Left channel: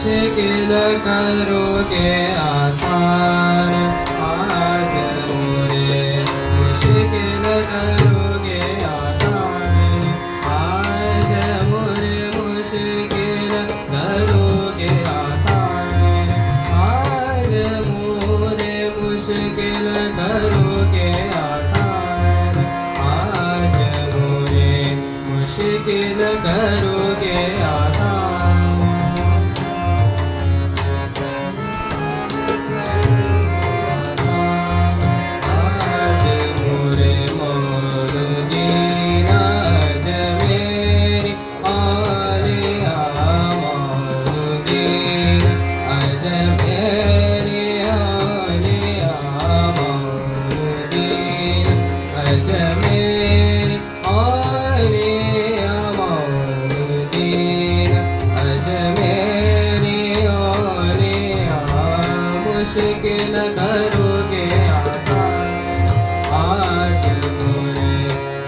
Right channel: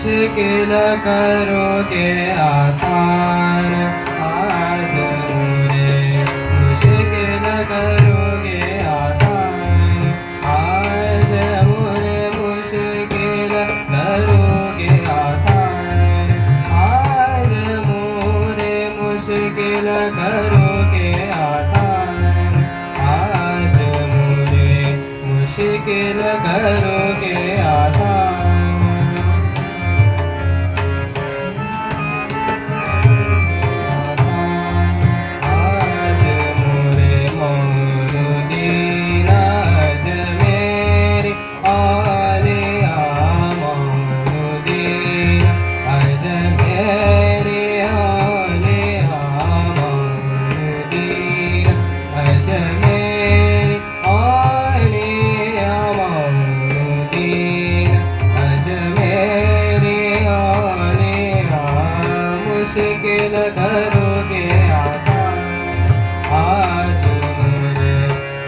मुश्किल करोगे आसान आज मोरे मुश्किल करोगे आसान आज मोरे मुश्किल करोगे आसान आज मोरे मुश्किल करोगे आसान आज मोरे मुश्किल करोगे आसान मुश्किल करोगे आसान आज मोरे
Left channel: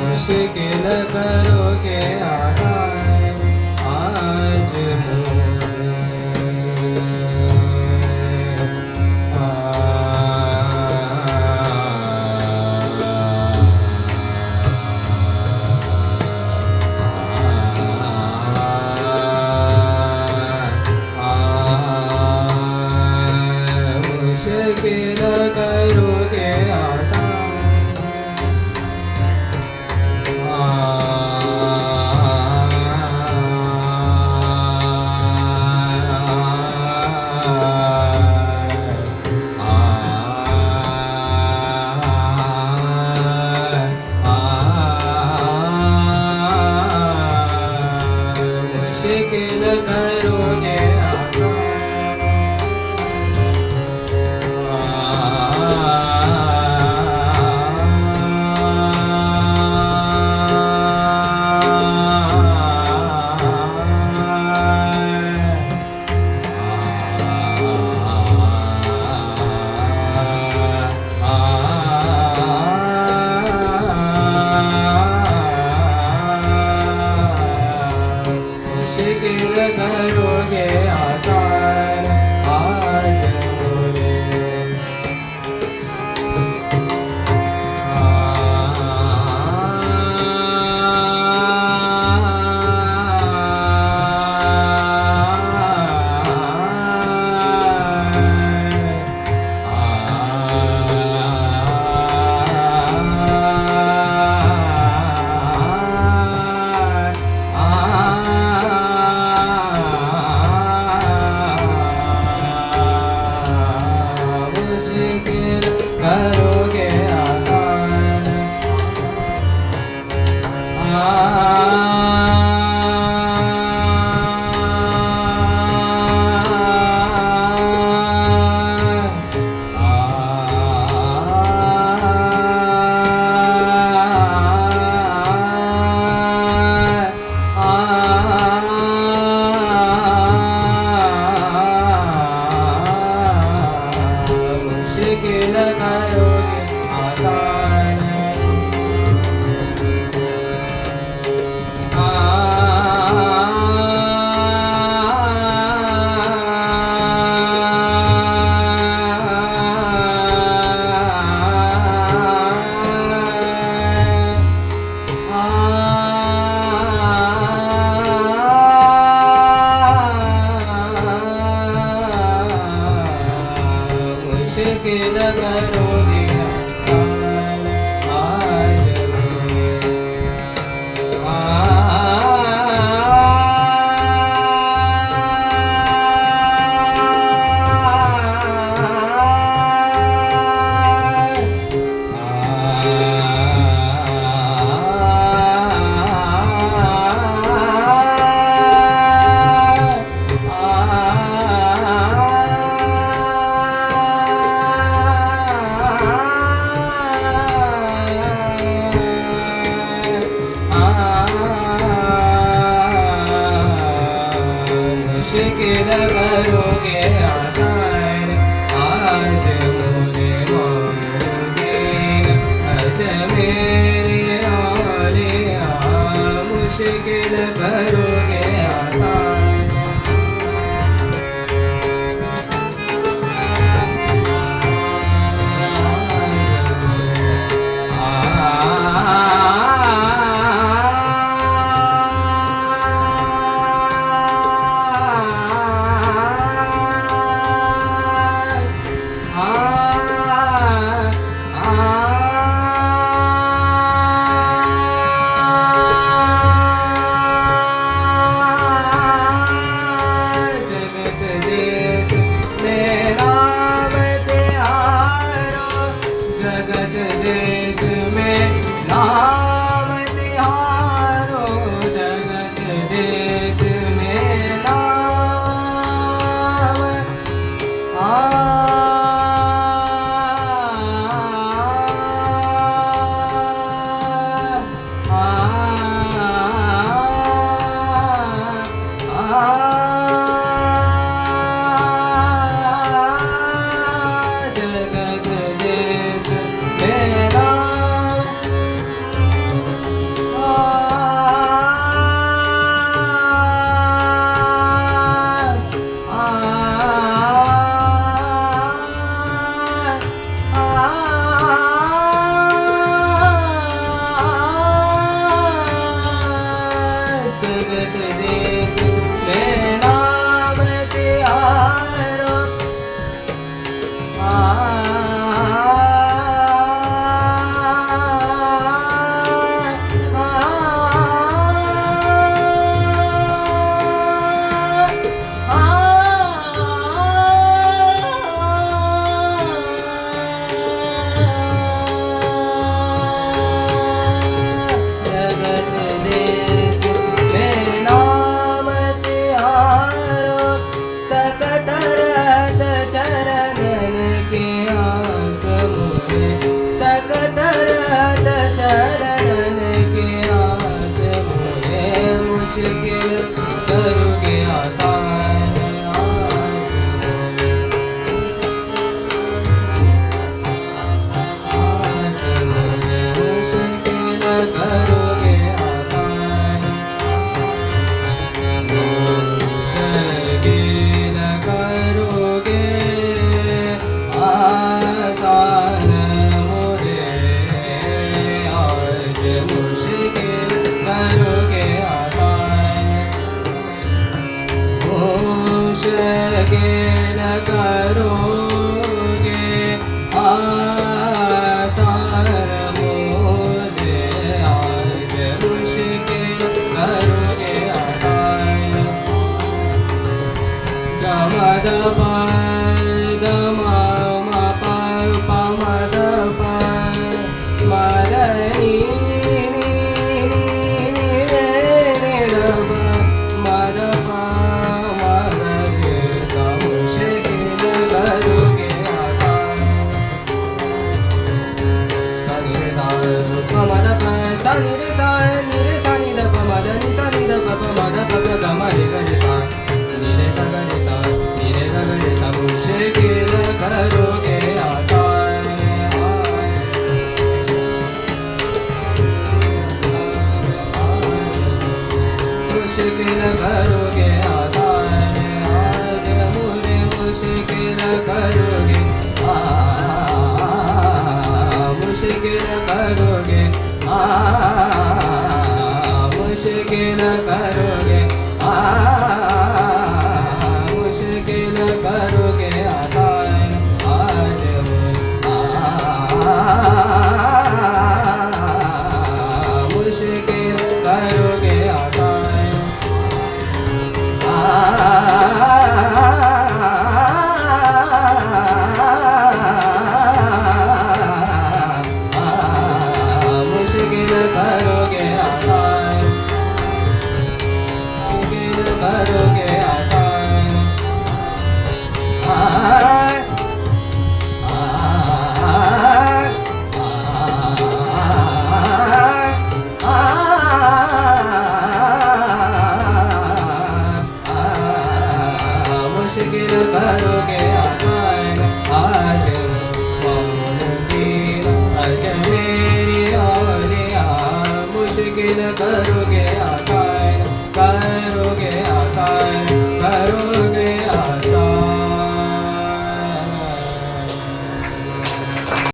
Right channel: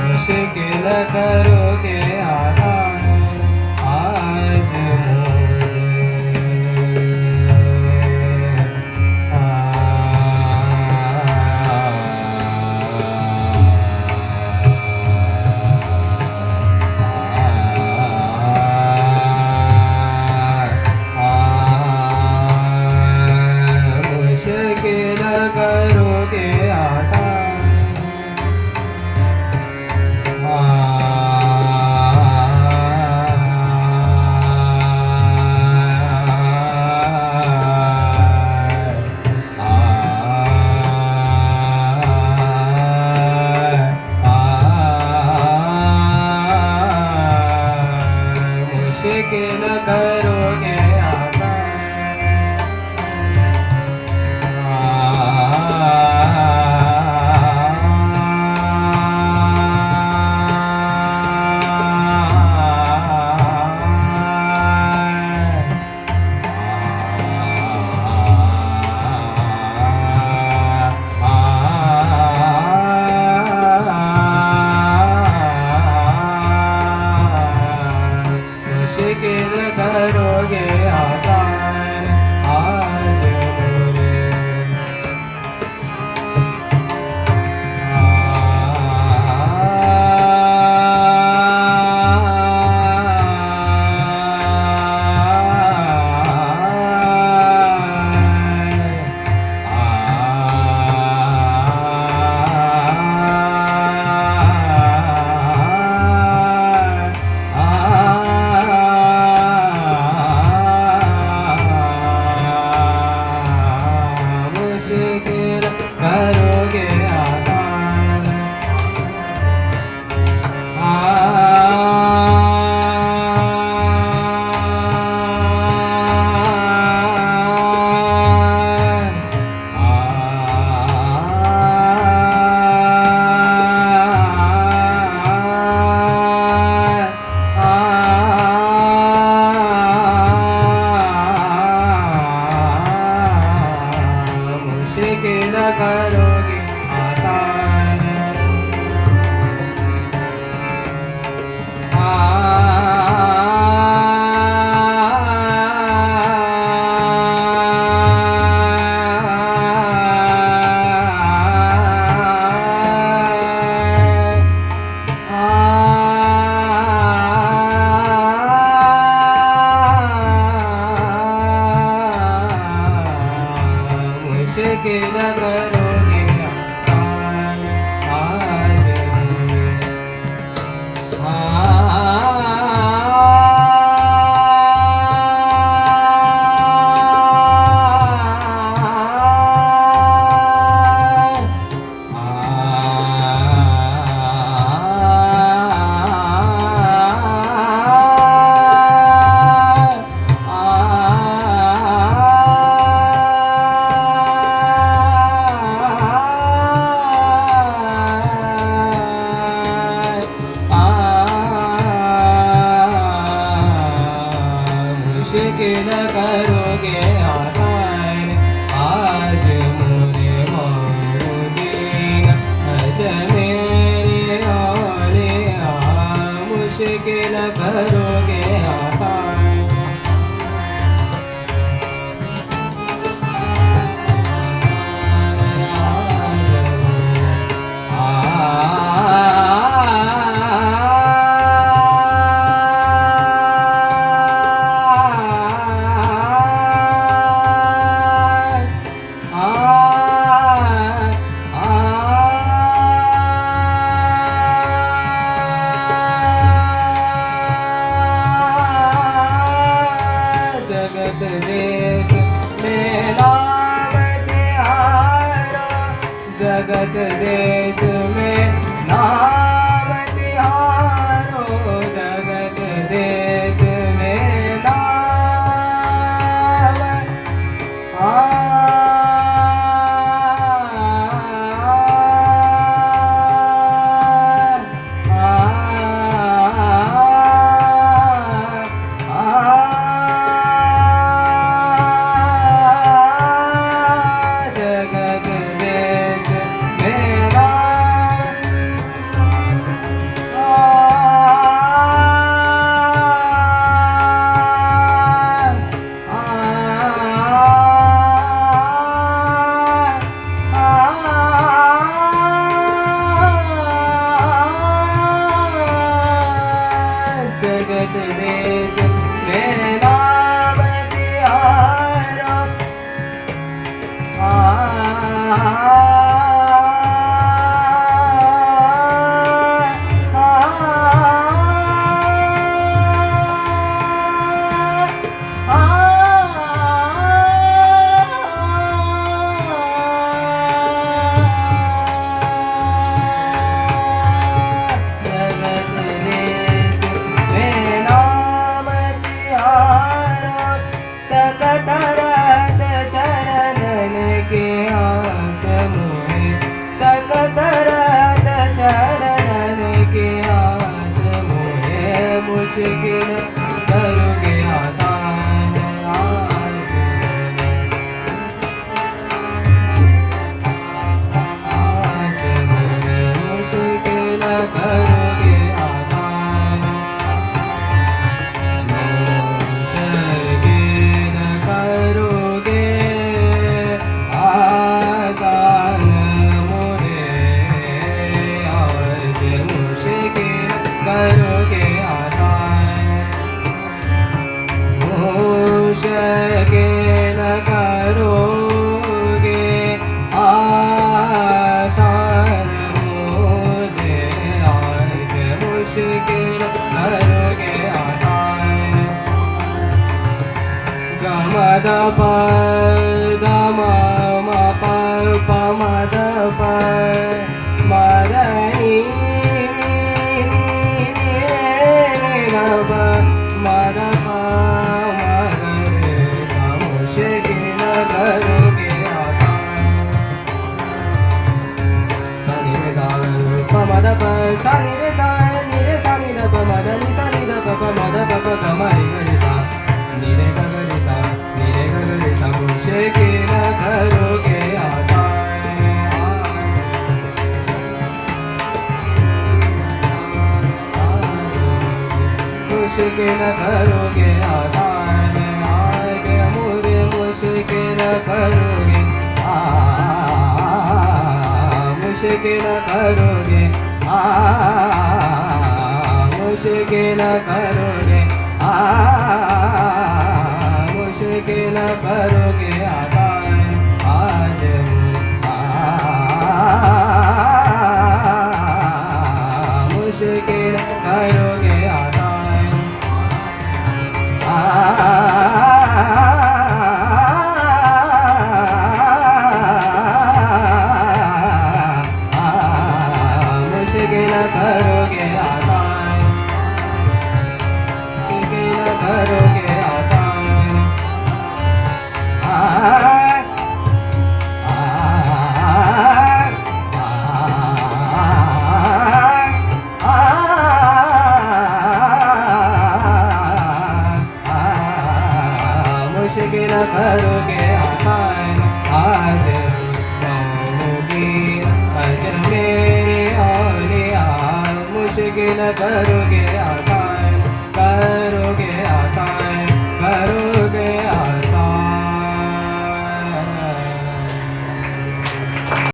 मुश्किल करोगे आसान आज मोरे मुश्किल करोगे आसान मुश्किल करोगे मुश्किल करोगे आसान आज मोरे करोगे आसान मुश्किल करोगे आसान मुश्किल करोगे आसान आज मुश्किल करोगे आसान आज मोरे मौलुदीन अज मेरे औलिया मुश्किल करोगे आसान जगत देश में नाम तिहारो मुश्किल करोगे आसान आज मुश्किल करोगे आसान मुश्किल करोगे आसान मुझे आज मुश्किल करोगे मुश्किल करोगे आसान मुझे आज मुश्किल करोगे आसान गमद पर गम पर पमद पर मदनी मुश्किल करोगे आसान आज मुझे मुश्किल करोगे मुश्किल करोगे मुश्किल करोगे मुश्किल करोगे आसान आज मुश्किल करोगे आसान मुश्किल करोगे आसान मुश्किल करोगे आसान मुश्किल करोगे आसान आज होगी आज मेरी और मुश्किल करो